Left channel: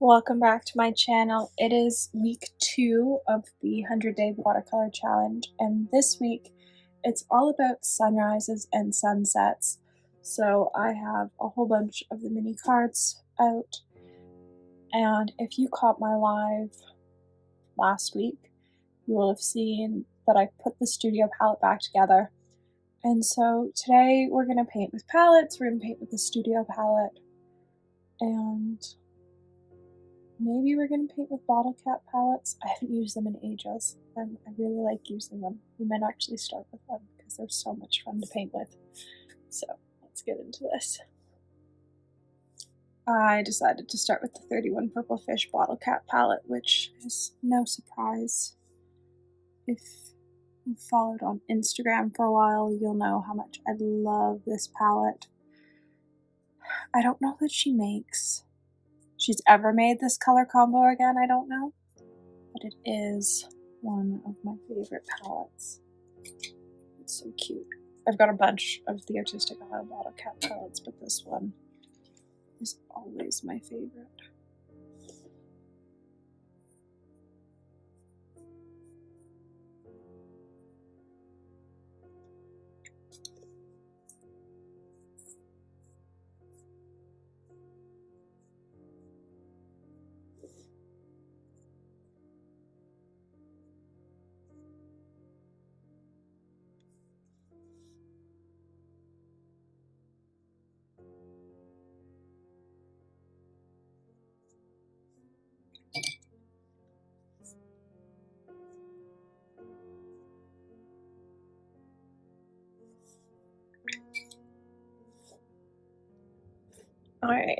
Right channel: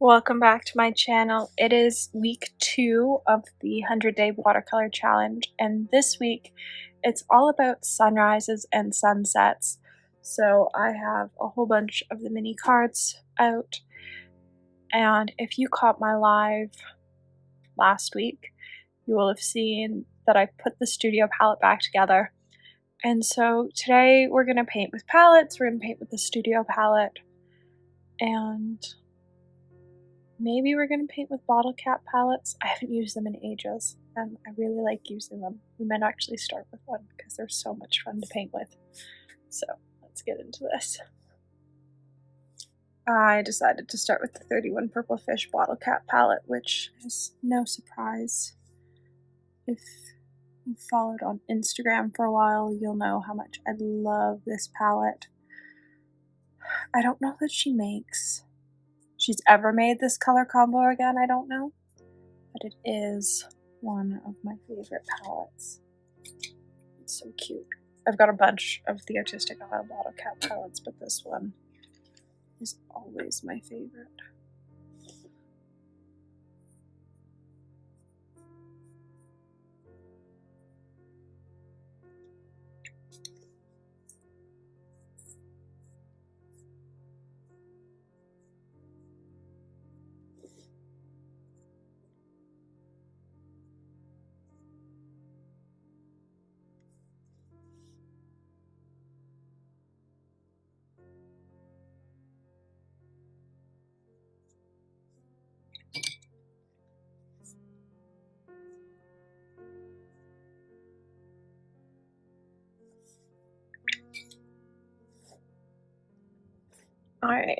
Welcome back to my channel. It is week 2 of the 100-day watercolor challenge, and this week it's all about sunrises and sunsets. So I have a whole bunch of the mini cards out, and if you caught my live last week, you will have seen that I put the studio palette back together. And so today we're going to paint with palettes, we're going to paint with the studio palette, and maybe we're going to paint with bottle cap palettes. I haven't used them in ages, and I really like using them. We might actually start with one because they're so much fun to paint with. So let's get into this. I decided to start with the 31 Purple Fish bottle cap palette, which is no surprise. If you've followed on Instagram for a while, you'll know how much I love this palette. I don't know that she's ever made this color combo again, I don't know, but it is one of my favorite palettes. It's so cute. I've got a bunch of the Artistic Isle bottle cap palettes, but this one is always my favorite. All right.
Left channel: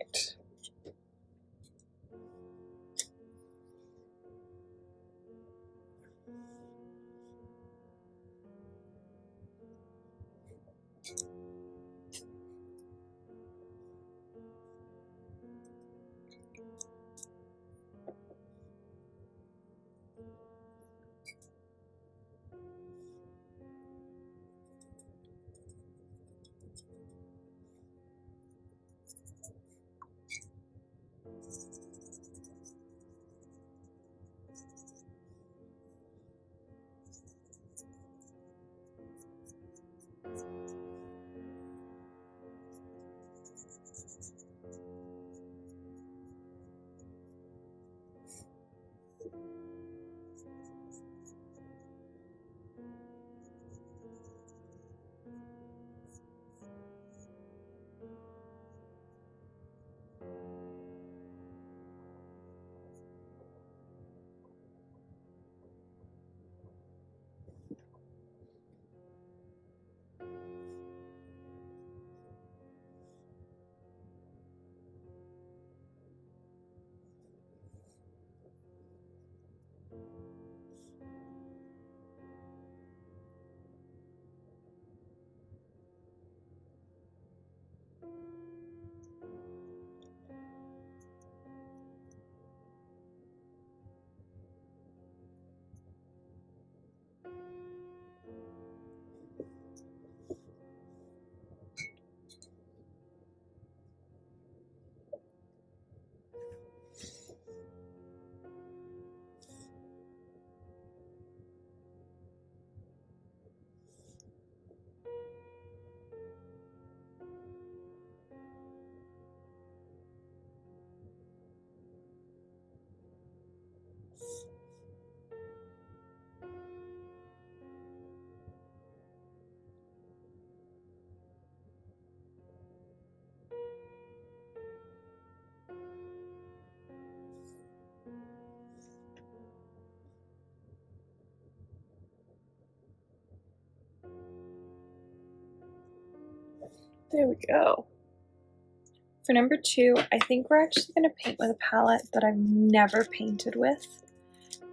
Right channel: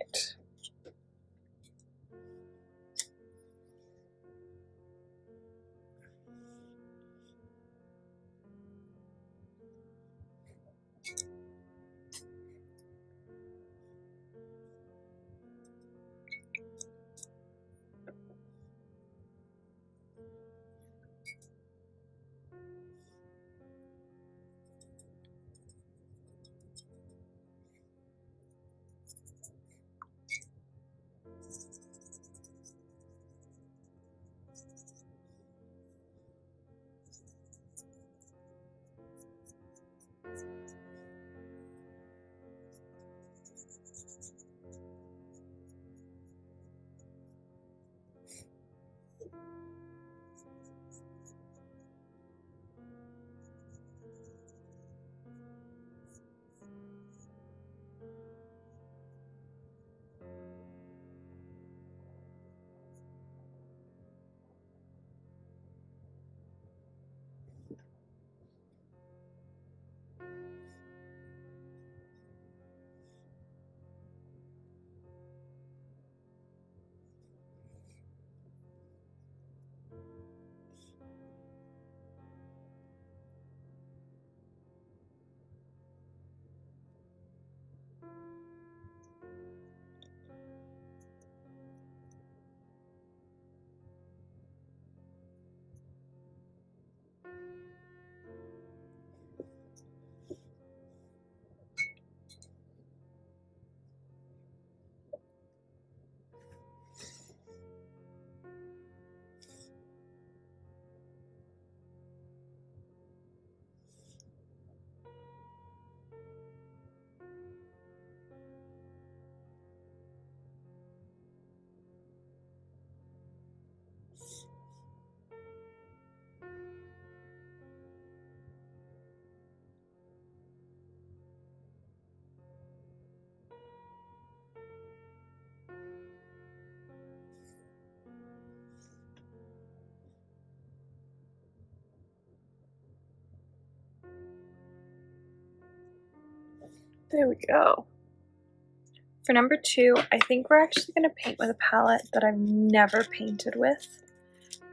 There we go. For number 2, I think we're actually going to paint with a palette that I've never painted with.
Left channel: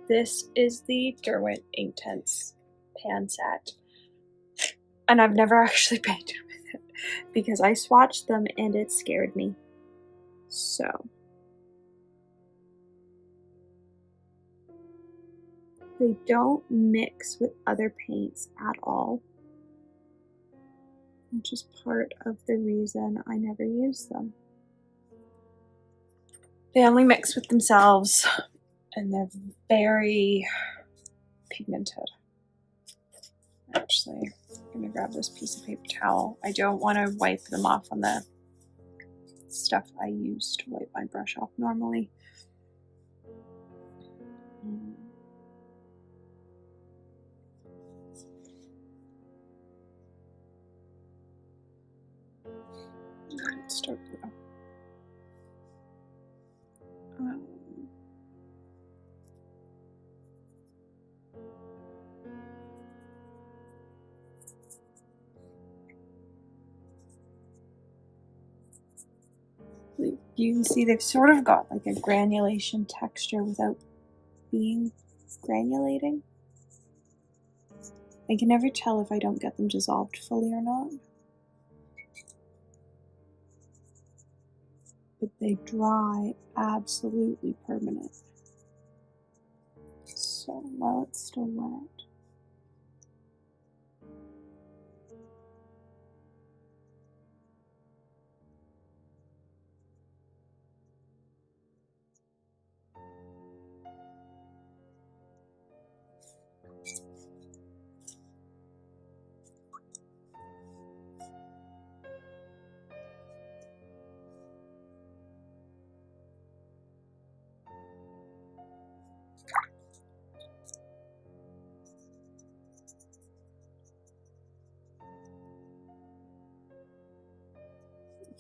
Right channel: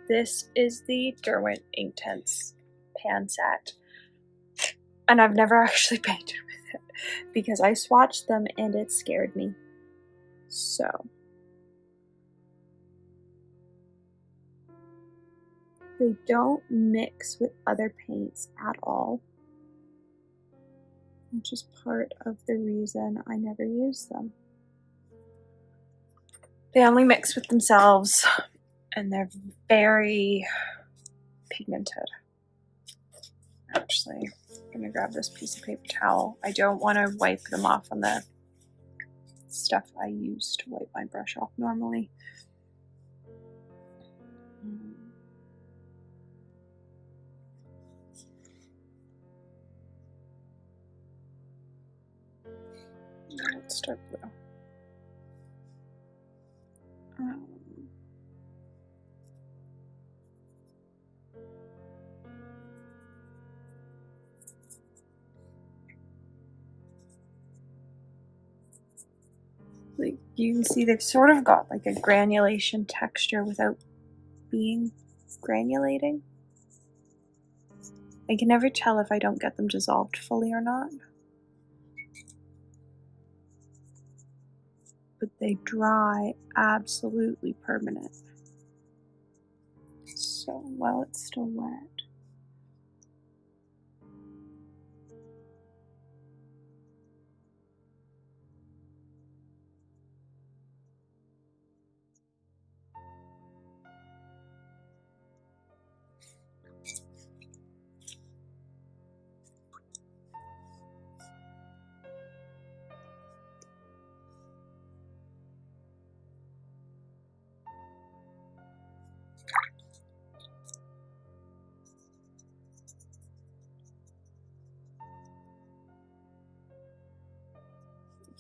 This is the Derwent Inktense pan set, and I've never actually painted with it because I swatched them and it scared me. So they don't mix with other paints at all, which is part of the reason I never use them. They only mix with themselves, and they're very pigmented. Actually, I'm gonna grab this piece of paper towel. I don't want to wipe them off on the stuff I use to wipe my brush off normally. Let's start blue. Like you can see they've sort of got like a granulation texture without being granulating. I can never tell if I don't get them dissolved fully or not. But they dry absolutely permanent. So while it's still wet.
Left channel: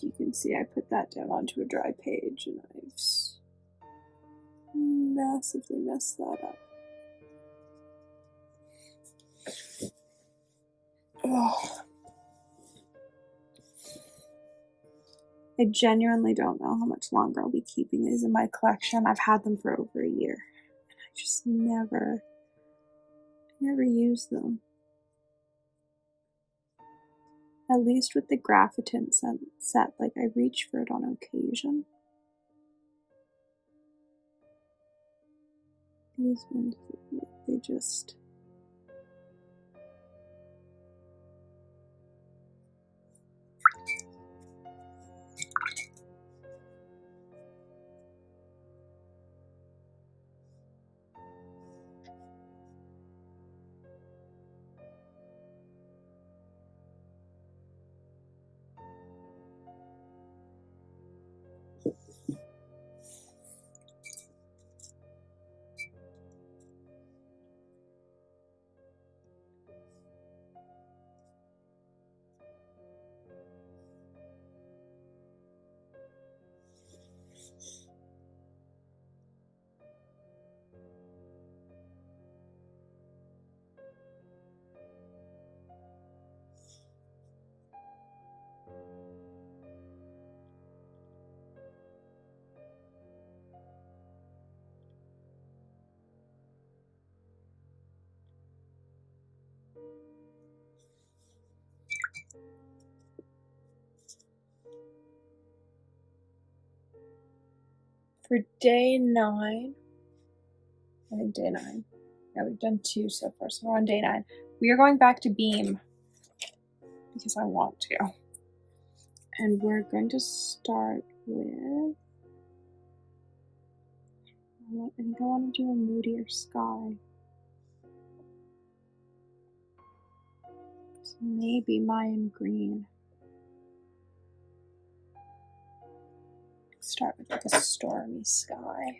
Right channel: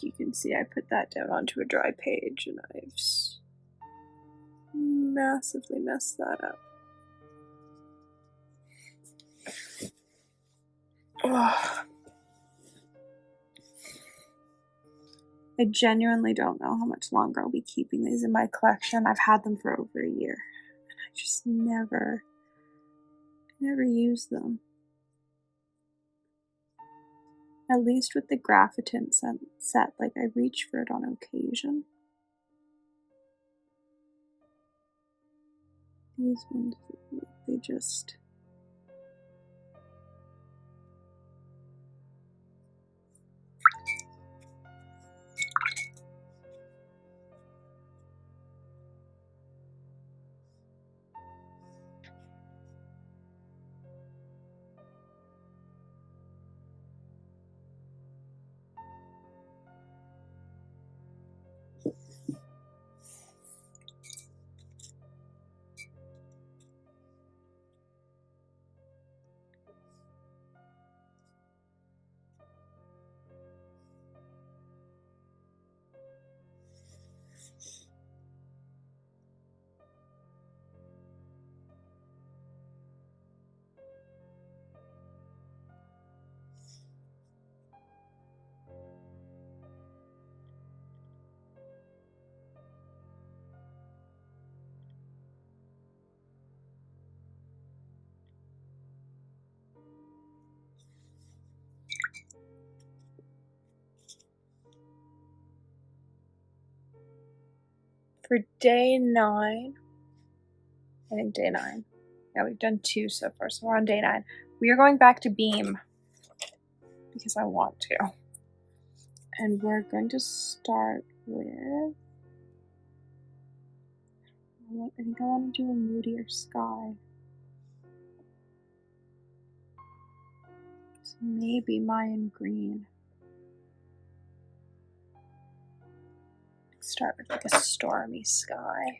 You can see I put that down onto a dry page and I've massively messed that up. Ugh. I genuinely don't know how much longer I'll be keeping these in my collection. I've had them for over a year and I just never use them. At least with the Grape set, like I reach for it on occasion. These ones, they just... For day 9, I think day 9. Yeah, we've done 2 so far, so we're on day 9. We are going back to Beam because I want to. And we're going to start with... I think I want to do a moodier sky. So maybe Mayan Green. Start with like a stormy sky.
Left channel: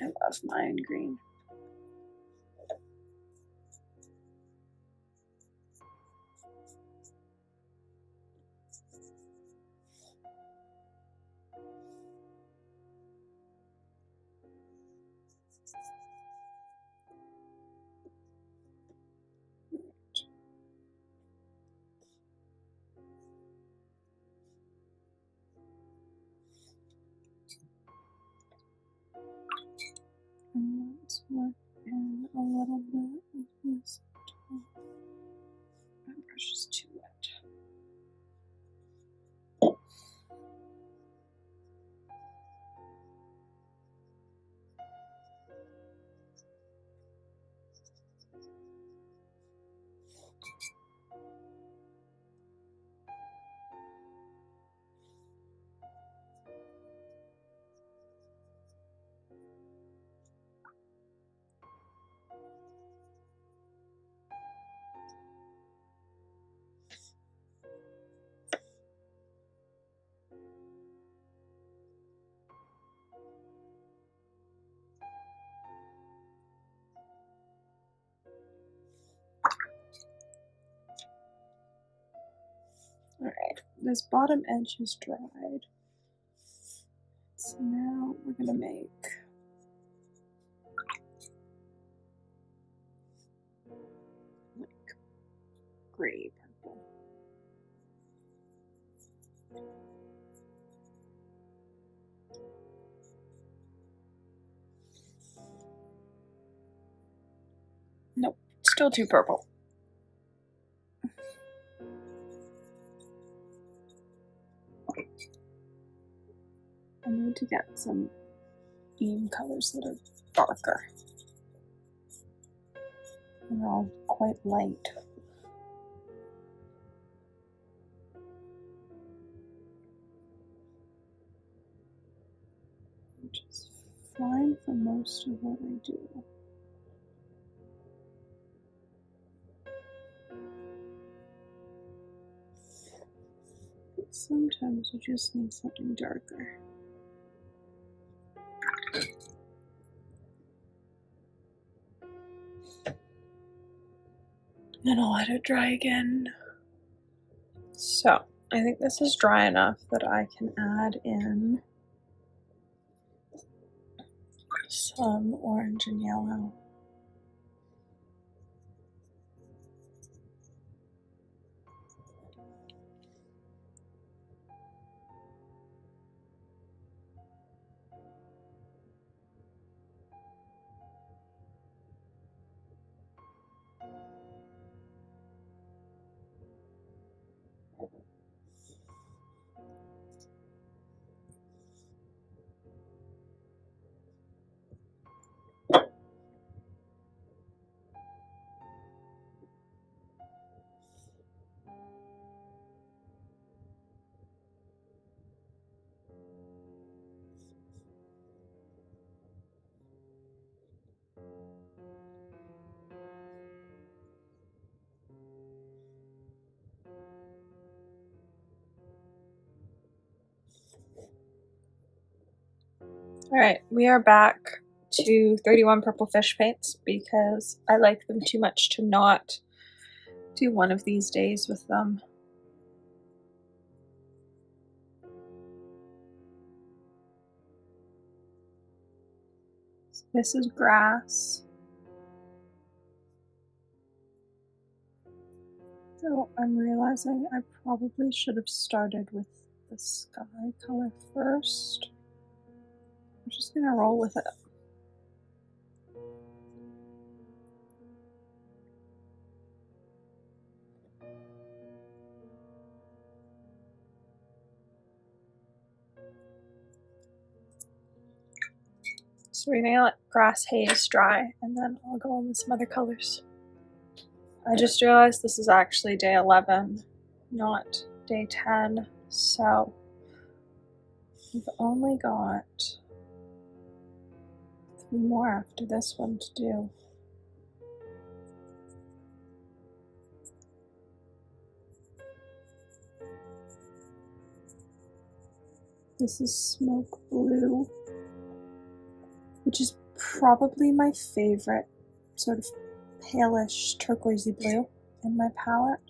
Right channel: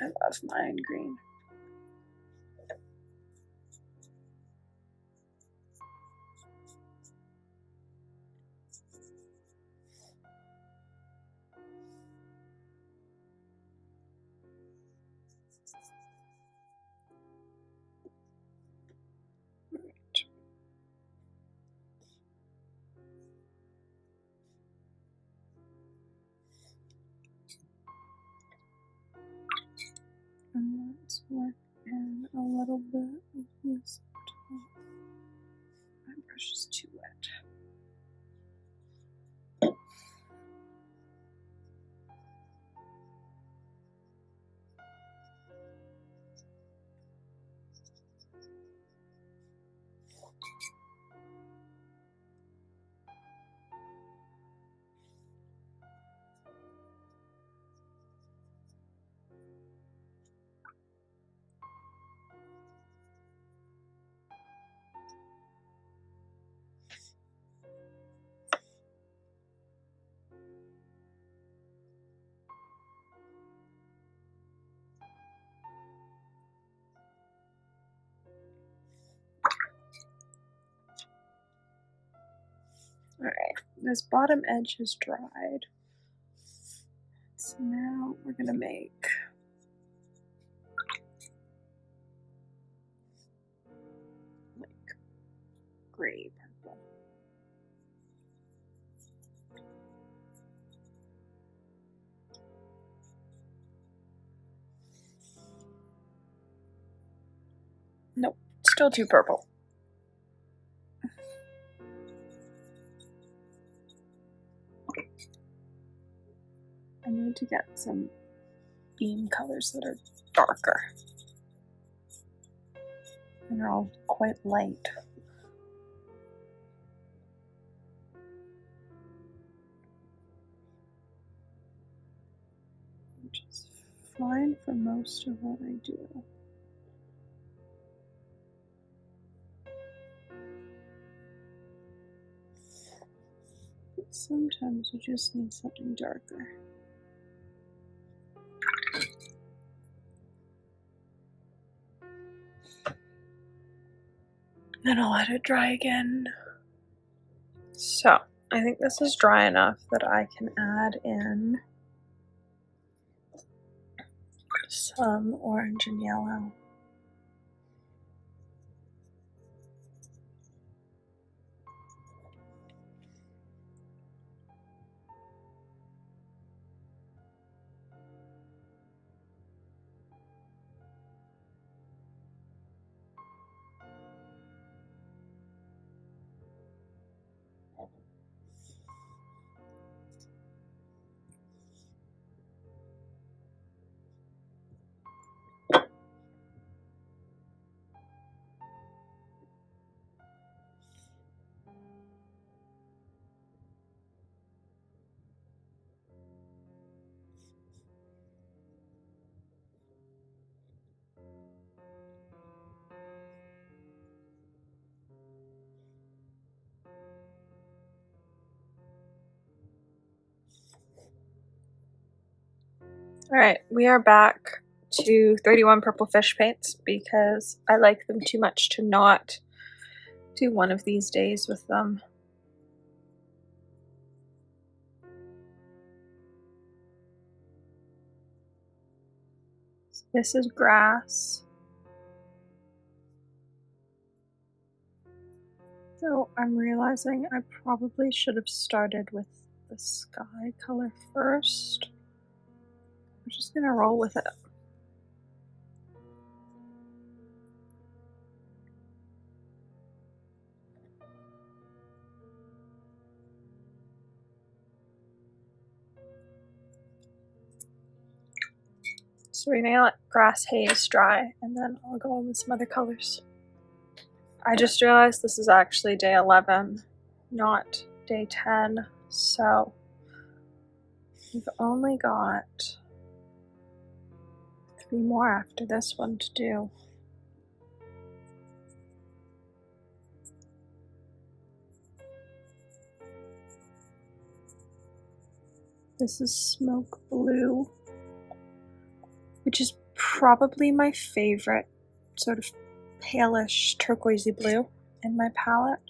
I love Mayan Green. And let's work in a little bit of this top. My brush is too wet. Alright, this bottom edge has dried. So now we're gonna make like gray purple. Nope, still too purple. I need to get some beam colors that are darker. And they're all quite light. Which is fine for most of what I do. But sometimes you just need something darker. Then I'll let it dry again. So, I think this is dry enough that I can add in some orange and yellow. Alright, we are back to 31 purple fish paints because I like them too much to not do one of these days with them. So this is grass. So I'm realizing I probably should have started with the sky color first. I'm just gonna roll with it. So we're gonna let grass haze dry and then I'll go on with some other colors. I just realized this is actually day 11, not day 10, so we've only got 3 more after this one to do. This is smoke blue, which is probably my favorite sort of palish turquoisey blue in my palette.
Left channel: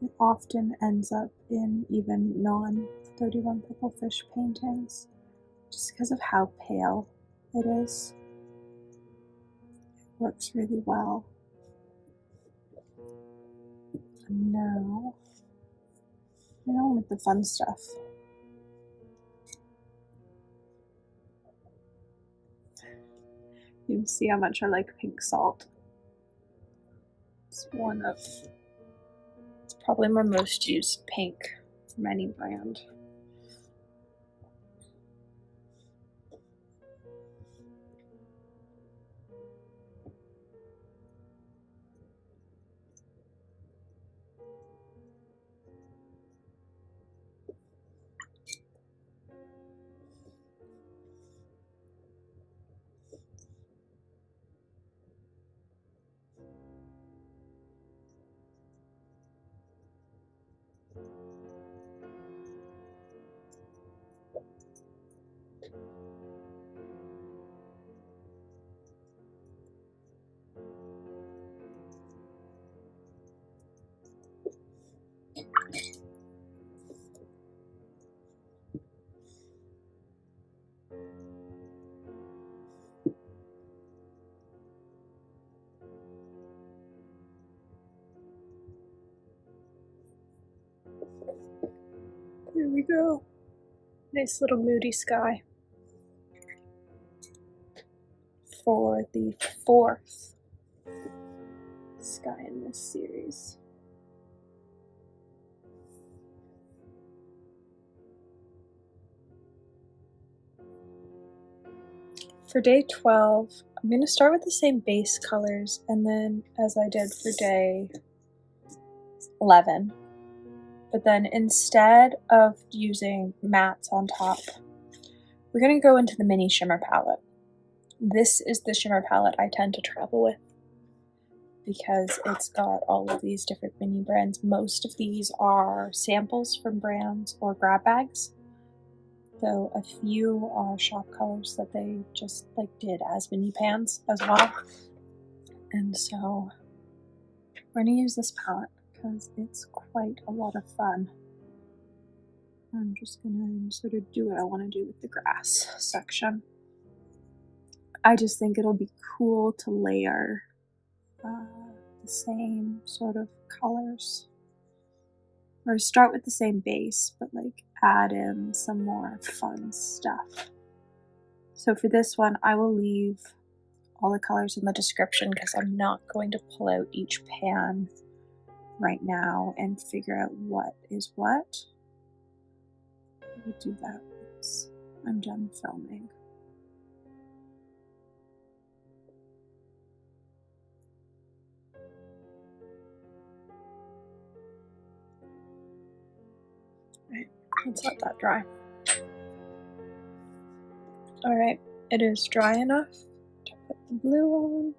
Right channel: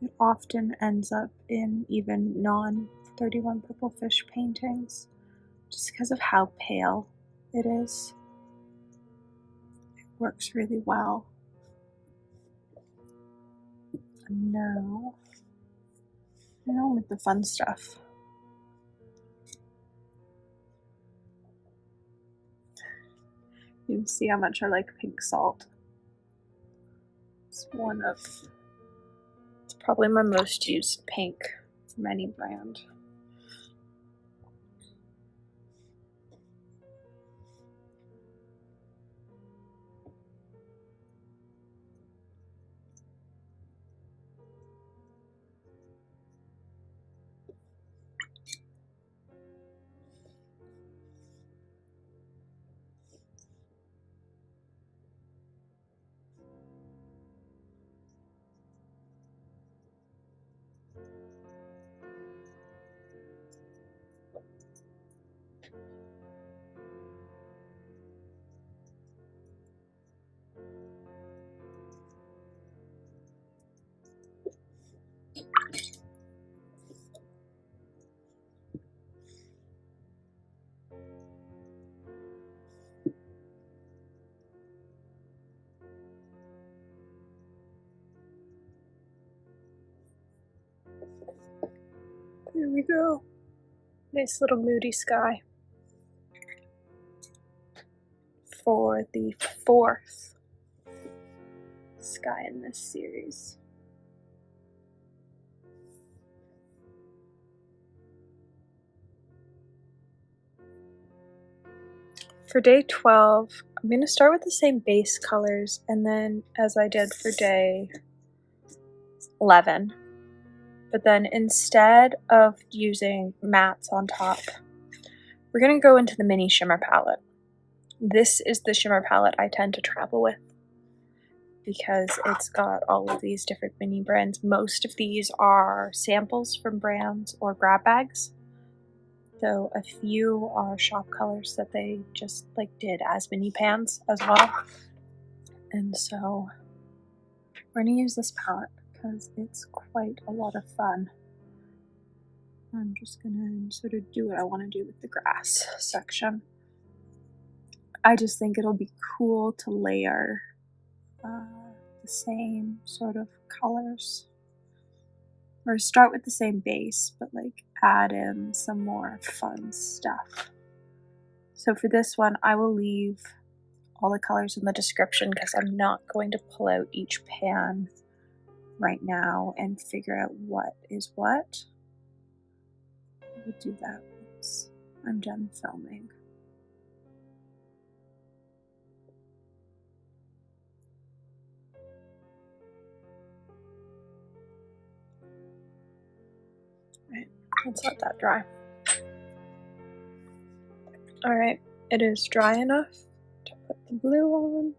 It often ends up in even non-31 purple fish paintings just because of how pale it is. It works really well. And now, with the fun stuff. You can see how much I like pink salt. It's probably my most used pink from any brand. we go. Nice little moody sky for the 4th sky in this series. For day 12, I'm going to start with the same base colors, and then as I did for day 11, but then instead of using mattes on top, we're going to go into the mini shimmer palette. This is the shimmer palette I tend to travel with because it's got all of these different mini brands. Most of these are samples from brands or grab bags. So a few are shop colors that they just like did as mini pans as well. And so we're going to use this palette because it's quite a lot of fun. I'm just going to sort of do what I want to do with the grass section. I just think it'll be cool to layer the same sort of colors. Or start with the same base, but like add in some more fun stuff. So for this one, I will leave all the colors in the description because I'm not going to pull out each pan right now and figure out what is what. We'll do that once I'm done filming. Right, let's let that dry. Alright, it is dry enough to put the blue on.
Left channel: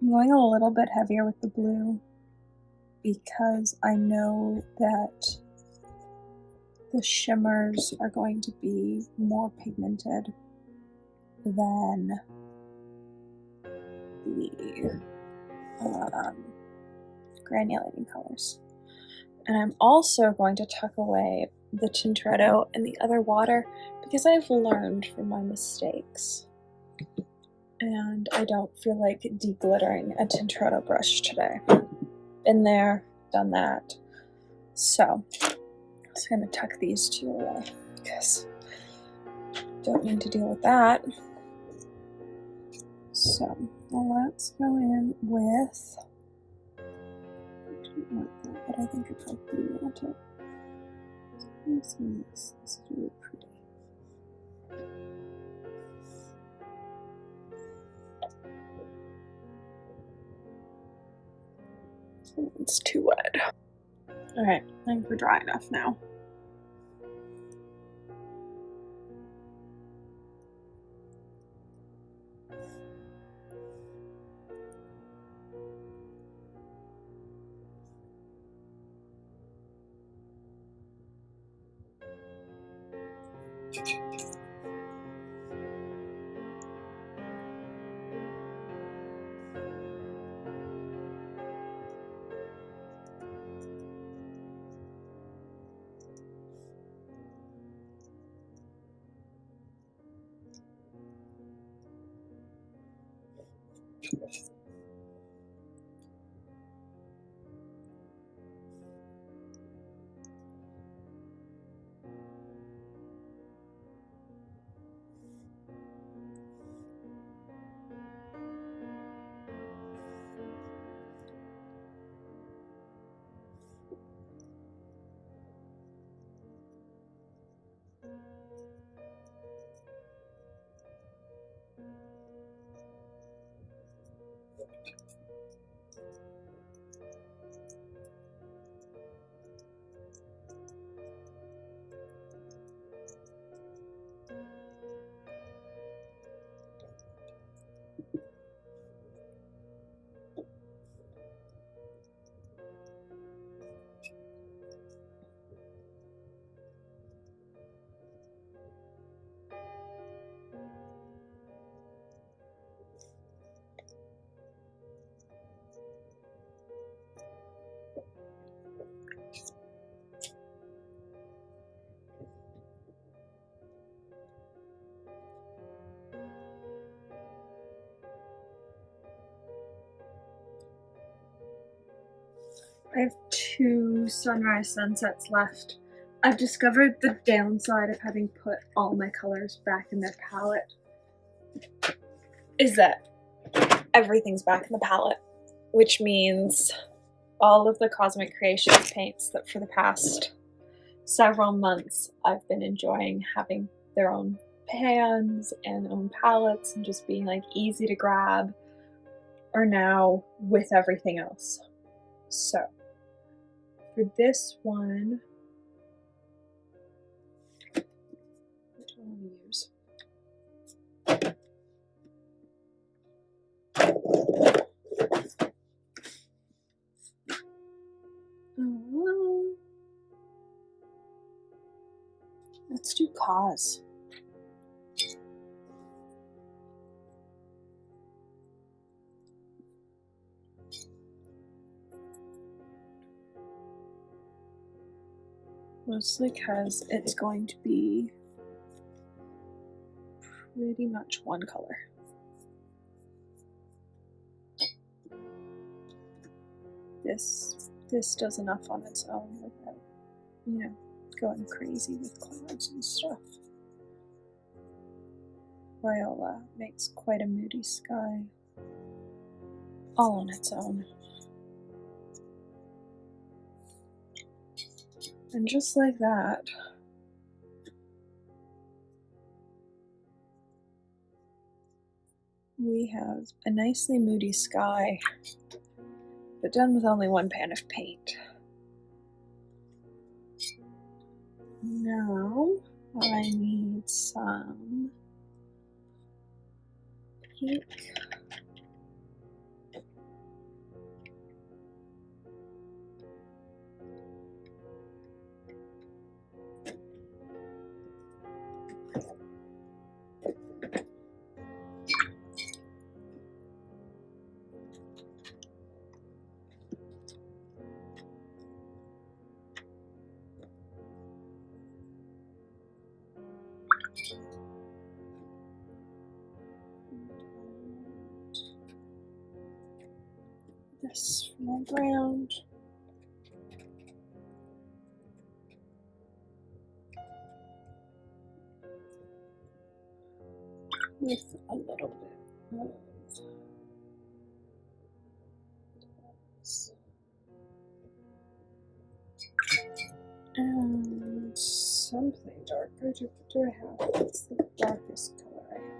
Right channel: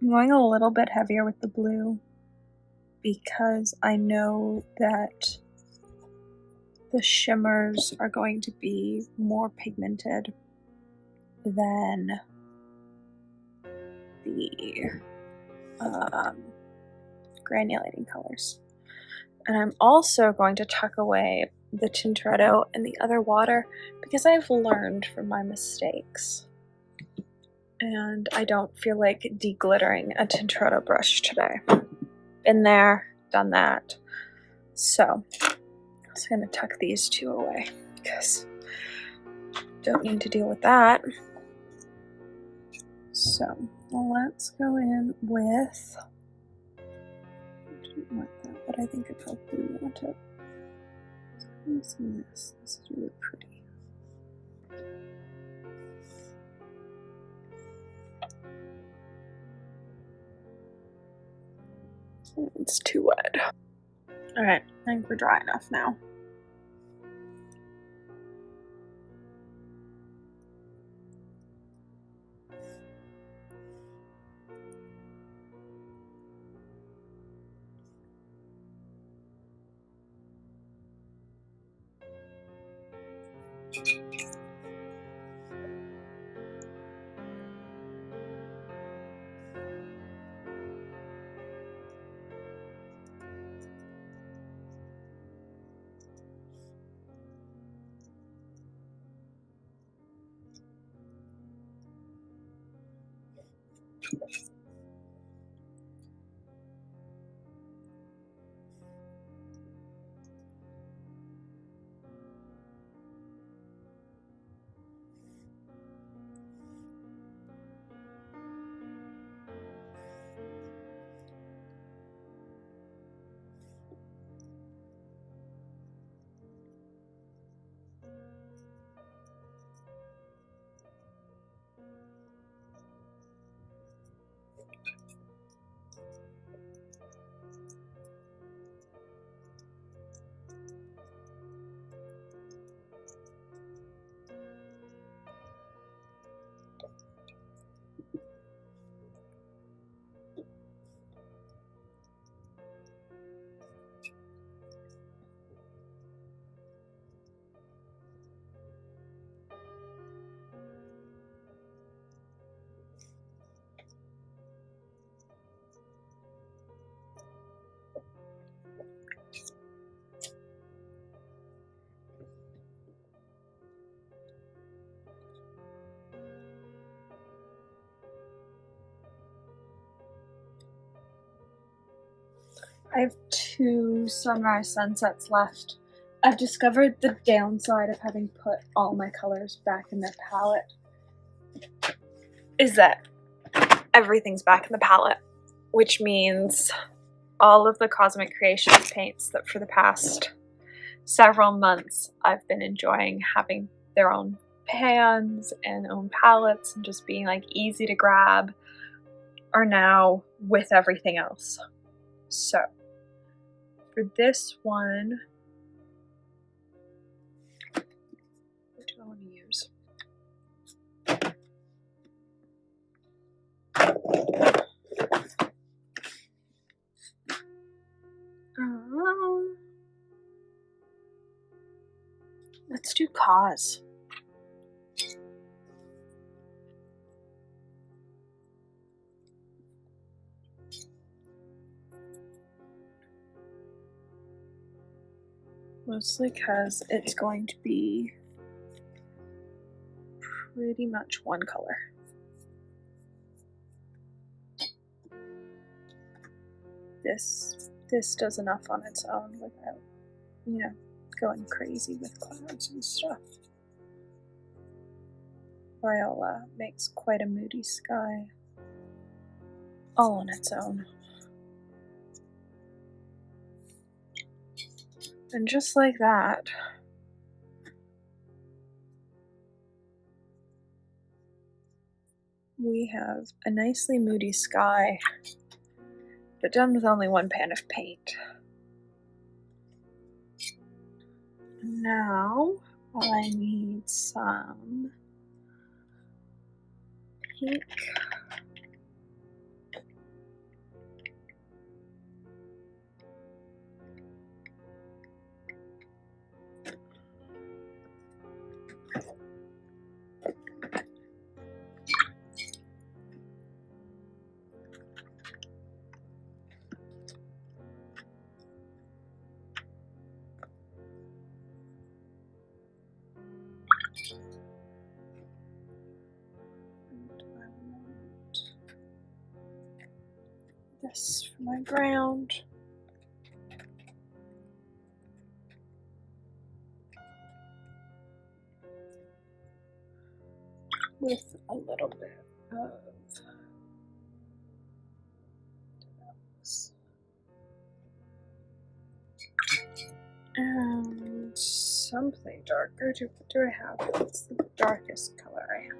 I'm going a little bit heavier with the blue because I know that the shimmers are going to be more pigmented than the granulating colors. And I'm also going to tuck away the Tintoretto and the other water because I've learned from my mistakes. And I don't feel like deglittering a Tintoretto brush today. Been there, done that. So I'm just going to tuck these two away because don't need to deal with that. So let's go in with, I didn't want that, but I think I probably want it. What's in this? This is really pretty. It's too wet. Alright, I think we're dry enough now. I have 2 sunrise sunsets left. I've discovered the downside of having put all my colors back in their palette is that everything's back in the palette, which means all of the Cosmic Creations paints that for the past several months I've been enjoying having their own pans and own palettes and just being like easy to grab are now with everything else. So for this one, what do I want to use? Let's do KoZ. Mostly because it's going to be pretty much one color. This does enough on its own without, you know, going crazy with clouds and stuff. Viola makes quite a moody sky all on its own. And just like that, we have a nicely moody sky, but done with only one pan of paint. Now I need some pink. This for my ground. With a little bit of and something darker. Do I have? What's the darkest color I have?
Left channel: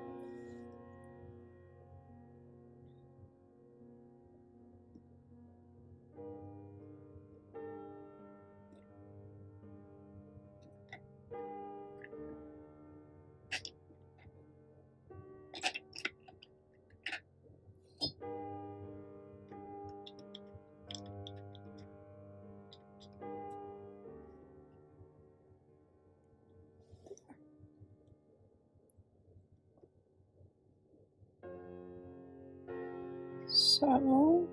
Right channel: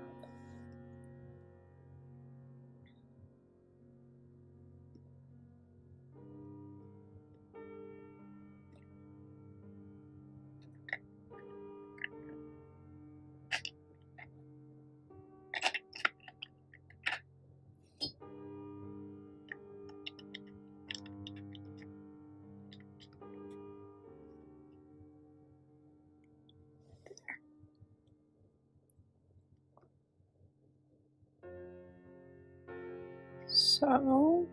So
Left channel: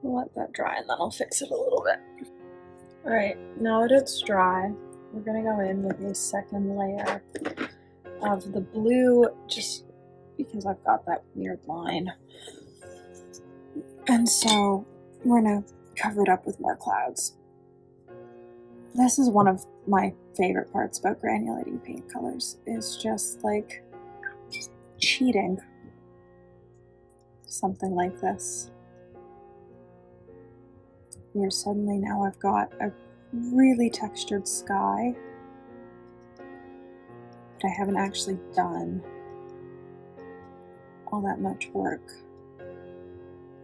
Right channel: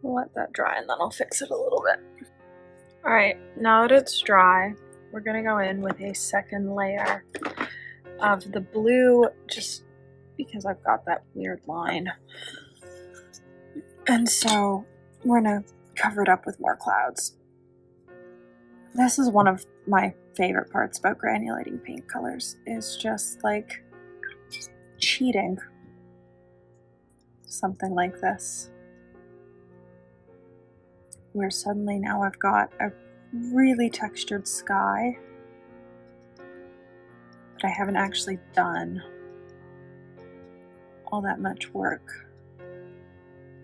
we'll let that dry and then I'll fix it a little bit. Alright, now that it's dry, we're gonna go in with a second layer of the blue, just because I've got that weird line. And so we're gonna cover it up with more clouds. This is one of my favorite parts about granulating paint colors, is just like cheating something like this, where suddenly now I've got a really textured sky, but I haven't actually done all that much work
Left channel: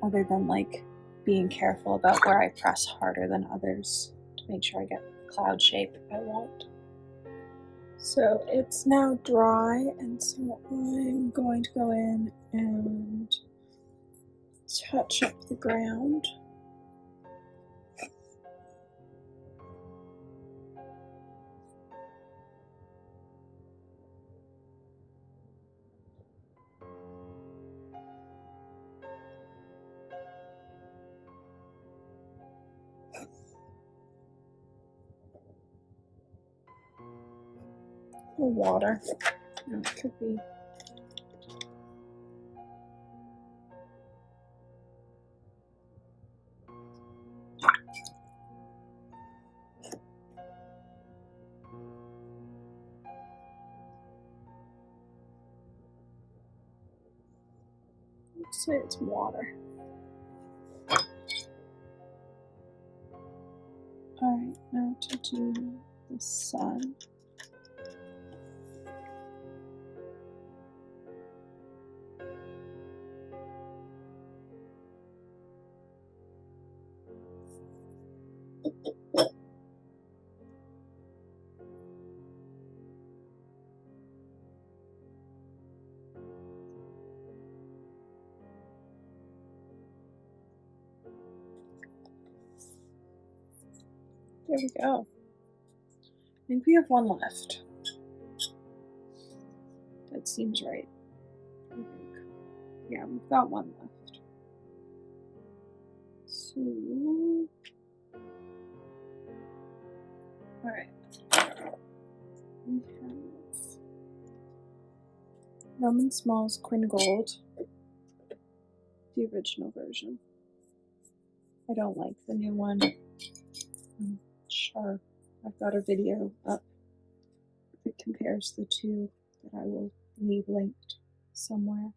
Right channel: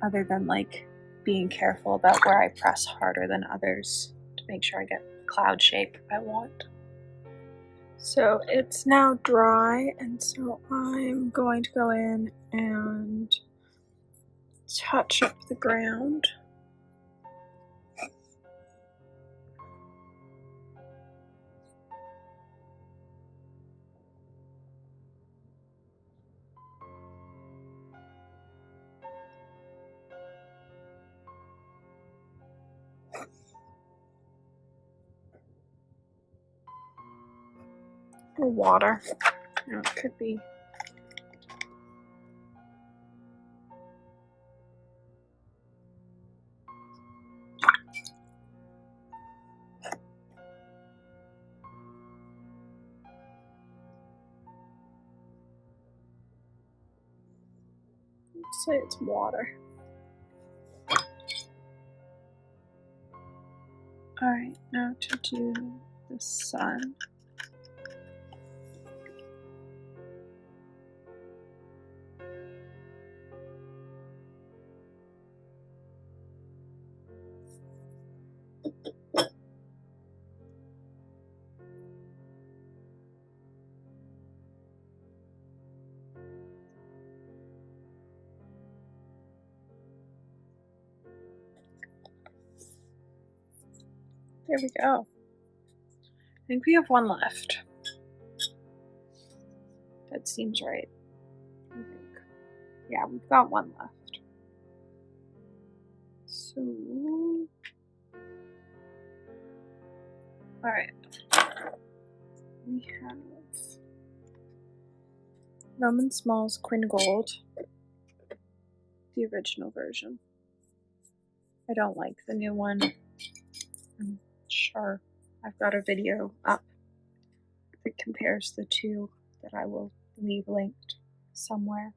other than like being careful about where I press harder than others to make sure I get the cloud shape I want. So it's now dry, and so I'm going to go in and touch up the ground. Or water. No, it could be. Let's say it's water. Alright, now to do the sun. There we go. I think we have one left. That seems right. I think. Yeah, we've got one left. So, alright. We have Roman Szmal's Quin Gold, the original version. I don't like the new one. I'm sure I've got a video up that compares the two that I will leave linked somewhere.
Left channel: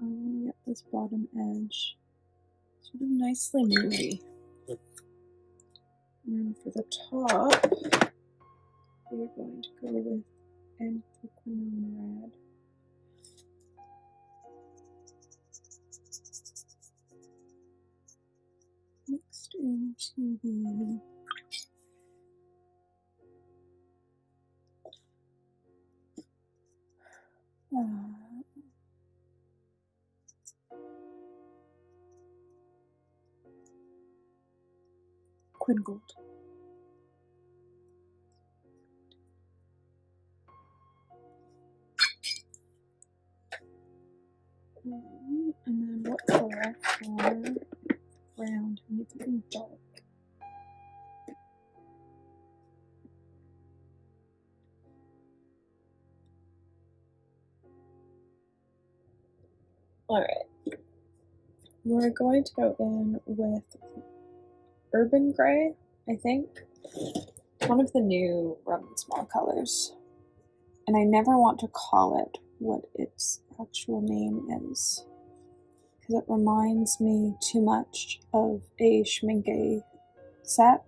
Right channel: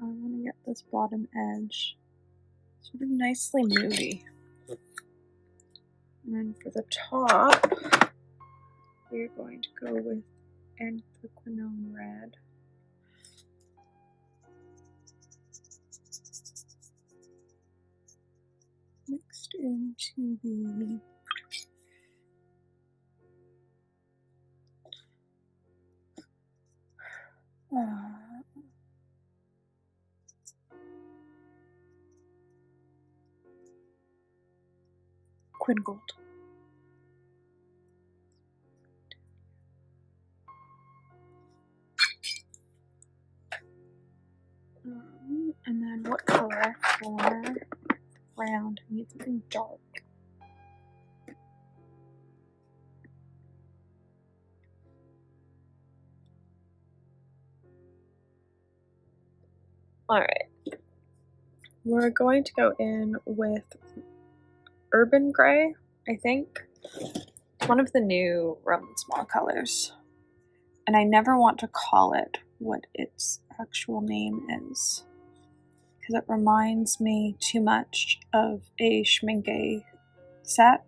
I want to get this bottom edge sort of nicely moody. And then for the top, we're going to go with Anthraquinone Red. Mixed into the Quin Gold. And then what color for round? I need something dark. Alright. We're going to go in with Urban Gray, I think. It's one of the new Roman Szmal colors. And I never want to call it what its actual name is, because it reminds me too much of a Schminke set.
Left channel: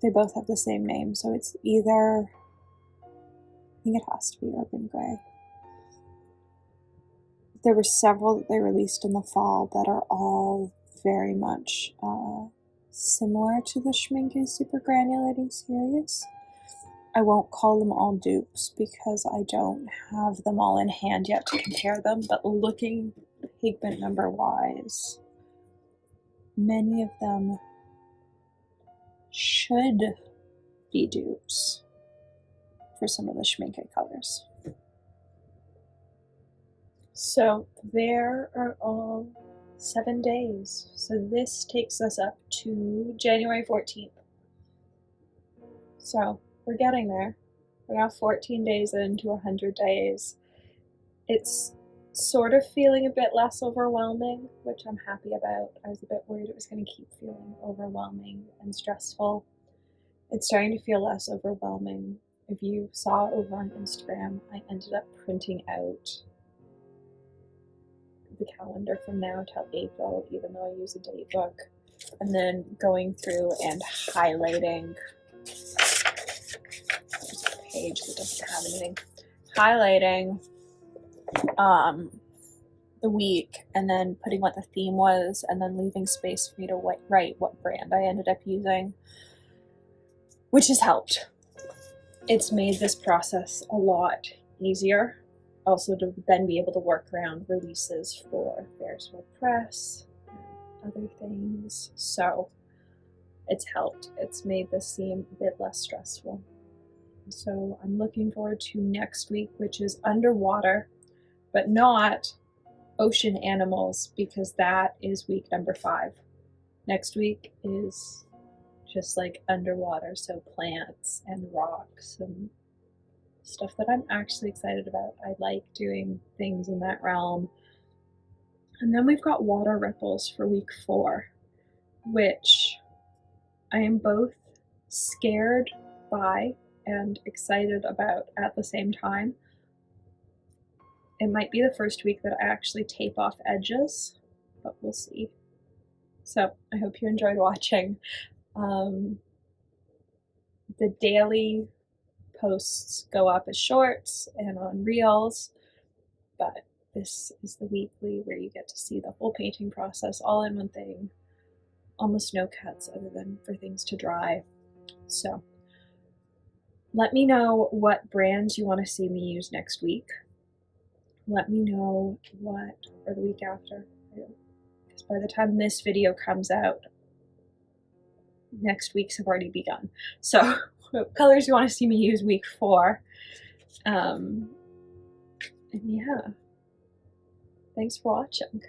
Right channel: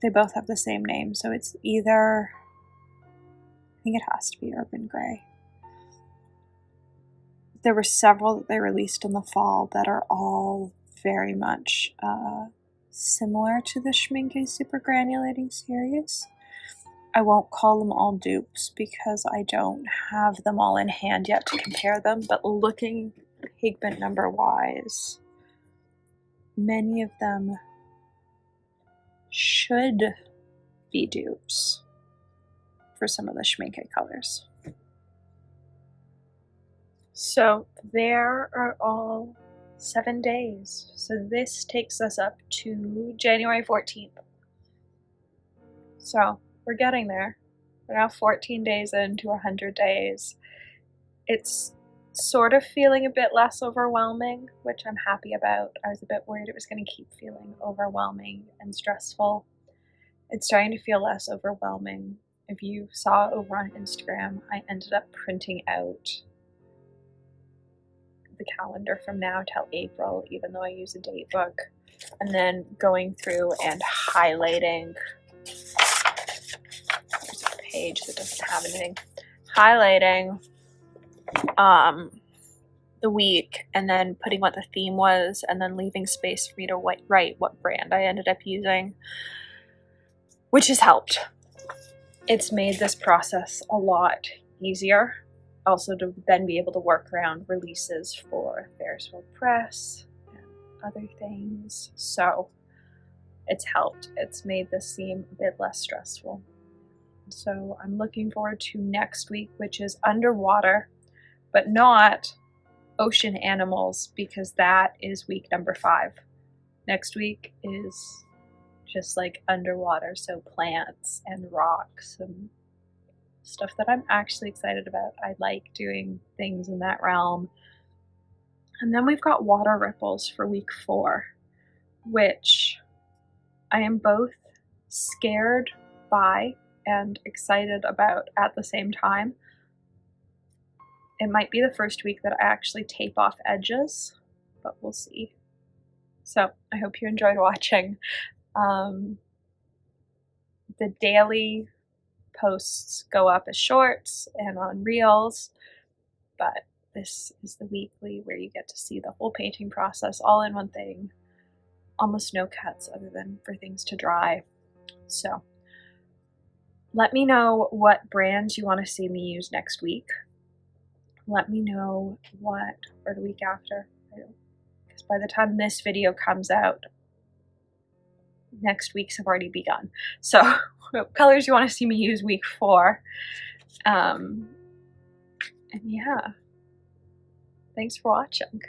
They both have the same name, so it's either, I think it has to be Urban Gray. There were several that they released in the fall that are all very much similar to the Schminke Super Granulating series. I won't call them all dupes because I don't have them all in hand yet to compare them, but looking pigment number wise, many of them should be dupes for some of the Schminke colors. So there are all 7 days. So this takes us up to January 14th. So we're getting there. We're now 14 days into 100 days. It's sort of feeling a bit less overwhelming, which I'm happy about. I was a bit worried it was going to keep feeling overwhelming and stressful. It's starting to feel less overwhelming if you saw over on Instagram, I ended up printing out the calendar from now till April, even though I use a date book, and then going through and highlighting. There's a page that doesn't have anything. Highlighting the week, and then putting what the theme was, and then leaving space for me to write what brand I ended up using, which has helped. It's made this process a lot easier. Also to then be able to work around releases for Ferris Wheel Press and other things. So it's helped. It's made this seem a bit less stressful. So I'm looking forward to next week, which is underwater, but not ocean animals, because that is week number 5. Next week is just like underwater, so plants and rocks and stuff that I'm actually excited about. I like doing things in that realm. And then we've got water ripples for week 4, which I am both scared by and excited about at the same time. It might be the first week that I actually tape off edges, but we'll see. So I hope you enjoyed watching. The daily posts go up as shorts and on reels, but this is the weekly where you get to see the whole painting process all in one thing. Almost no cuts other than for things to dry. So let me know what brands you want to see me use next week. Let me know what, or the week after, because by the time this video comes out, next week's have already begun. So what colors you want to see me use week 4. And yeah, thanks for watching.